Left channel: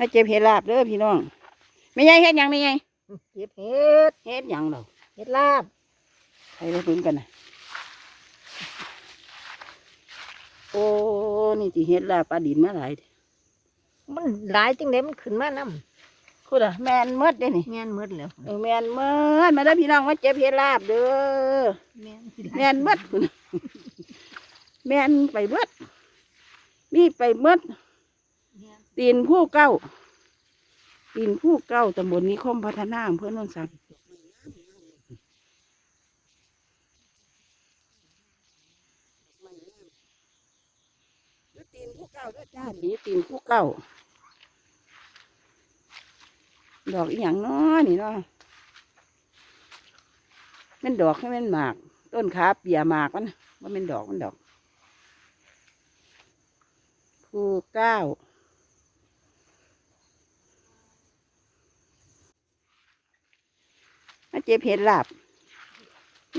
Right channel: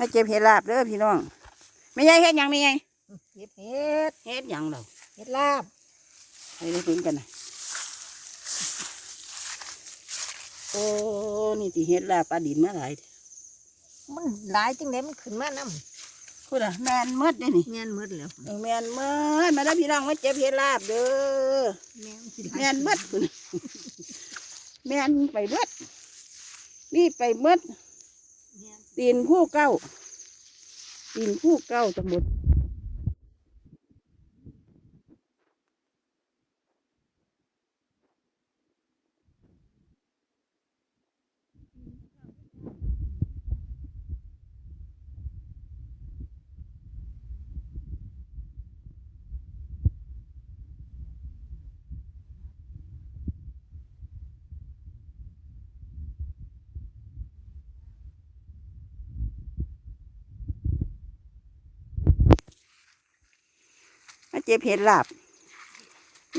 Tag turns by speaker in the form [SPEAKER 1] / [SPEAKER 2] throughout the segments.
[SPEAKER 1] ให้เจ็บเห็ดลาบเด้อพี่น้องไม่ใช่เฮ็ดหยังไม่ใช่
[SPEAKER 2] เก็บเห็ด
[SPEAKER 1] เฮ็ดหยังเรา
[SPEAKER 2] เห็ดลาบ
[SPEAKER 1] ให้ได้พึ่งกันนะโอ้นี่ที่เฮ็ดลาบปลาดินมาหลายเด้อ
[SPEAKER 2] มันหลายจังไดมันขึ้นมานำ
[SPEAKER 1] คุณอะแมนเมดเด้อนี่
[SPEAKER 2] แม่นหมดแล้ว
[SPEAKER 1] เออแมนเมดมาเด้อพี่น้องมาเจ็บเห็ดลาบเด้อ
[SPEAKER 2] แม่นสิ
[SPEAKER 1] แมนเมดคุณแมนไปเมดมีไปเมด
[SPEAKER 2] แม่น
[SPEAKER 1] ตีนผู้เก้า ตีนผู้เก้าตำบลนิคมพัฒนาอำเพื่อนนนสังตีนผู้เก้าด้วยจ้านี่ตีนผู้เก้า ดอกอีหยังเนาะนี่เนาะแมันดอกให้มันหมาก ต้นขาเปียหมากมันว่ามันดอกมันดอก ผู้เก้า มาเจ็บเห็ดลาบ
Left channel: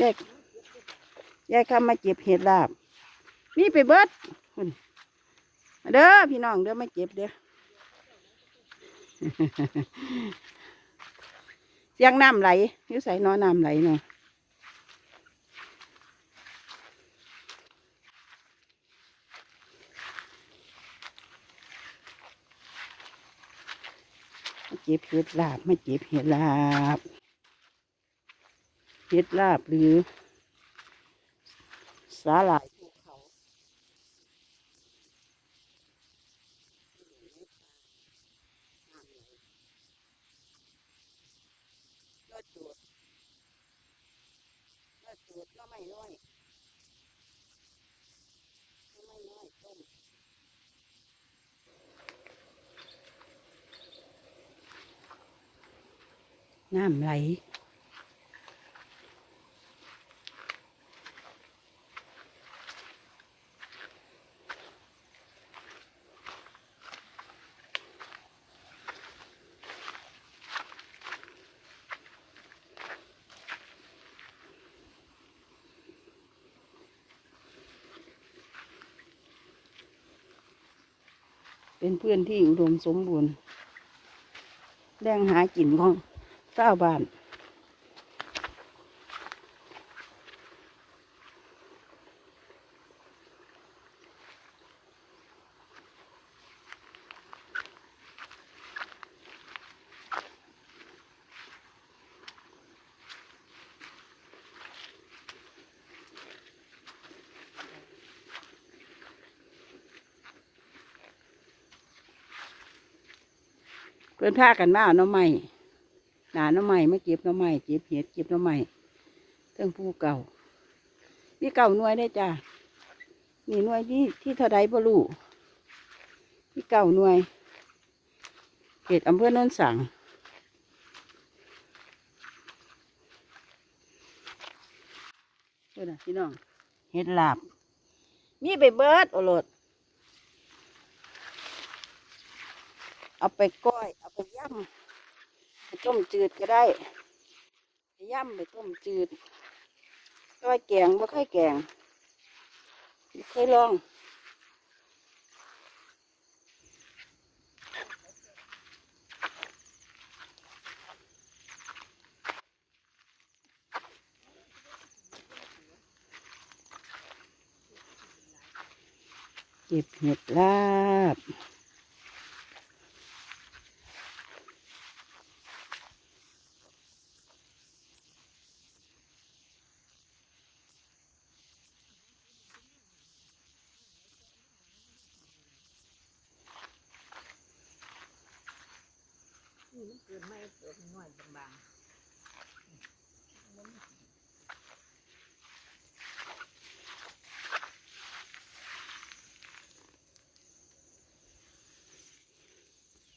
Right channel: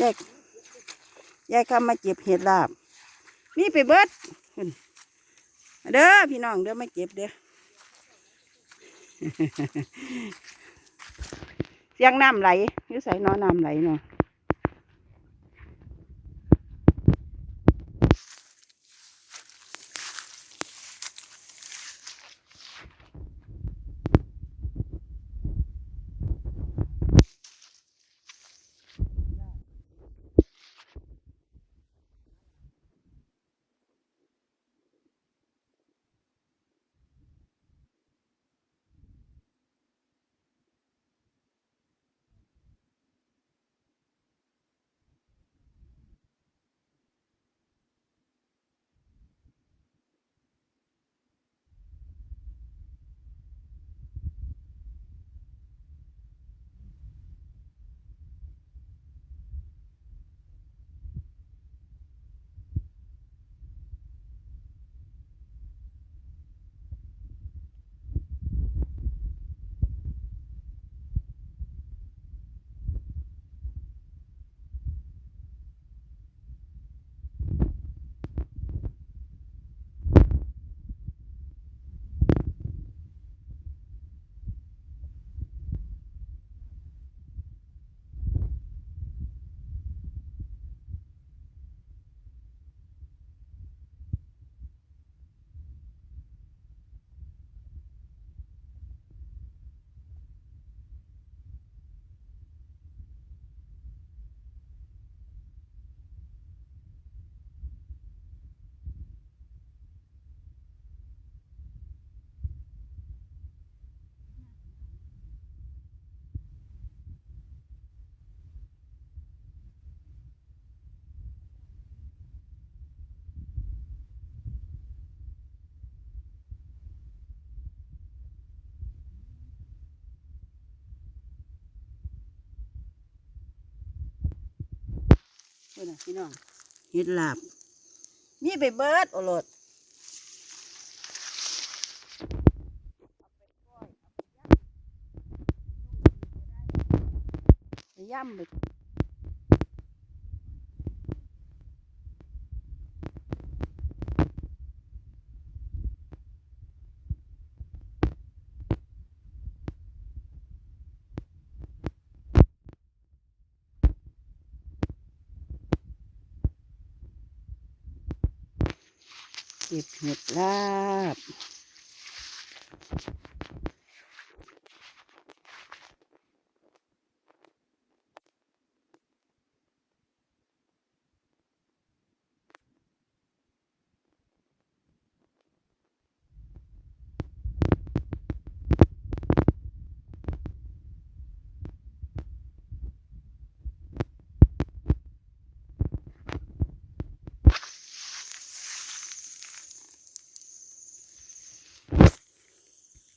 [SPEAKER 1] ยายยายคำมาเจ็บเห็ดลาบ มีไปเบิดพุ่นเด้อพี่น้องเด้อมาเจ็บเด้อเสียงน้ำไหลยู่ใส่นอน้ำไหลเนาะเจ็บเห็ดลาบมาเจ็บเห็ดลาบ เห็ดลาบหรือ สาหร่ายภูเขาเลิศจูดเลิศจูดก็ไม่น้อยก็ไม่น้อยต้มน้ำไหล เป็นเพื่อนที่อุดมสมบูรณ์แดงหากินของเจ้าบ้าน เพื่อนพากันมาเอาน้ำใหม่หนาน้ำใหม่มาเก็บน้ำใหม่เก็บเห็ดเก็บน้ำใหม่เทิงผู้เก่ามีเก่าหน่วยได้จ้านี่หน่วยที่ที่เท่าใดบ่รู้มีเก่าหน่วยเขตอำเภอโนนสังเพื่อนะพี่น้องเห็ดลาบมีไปเบิดโอรส เอาไปก้อย เอาไปย่ำไปต้มจืดก็ได้ไปย่ำไปต้มจืดก้อยแกงบ่เคยแกงบ่เคยลองเก็บเห็ดลาบ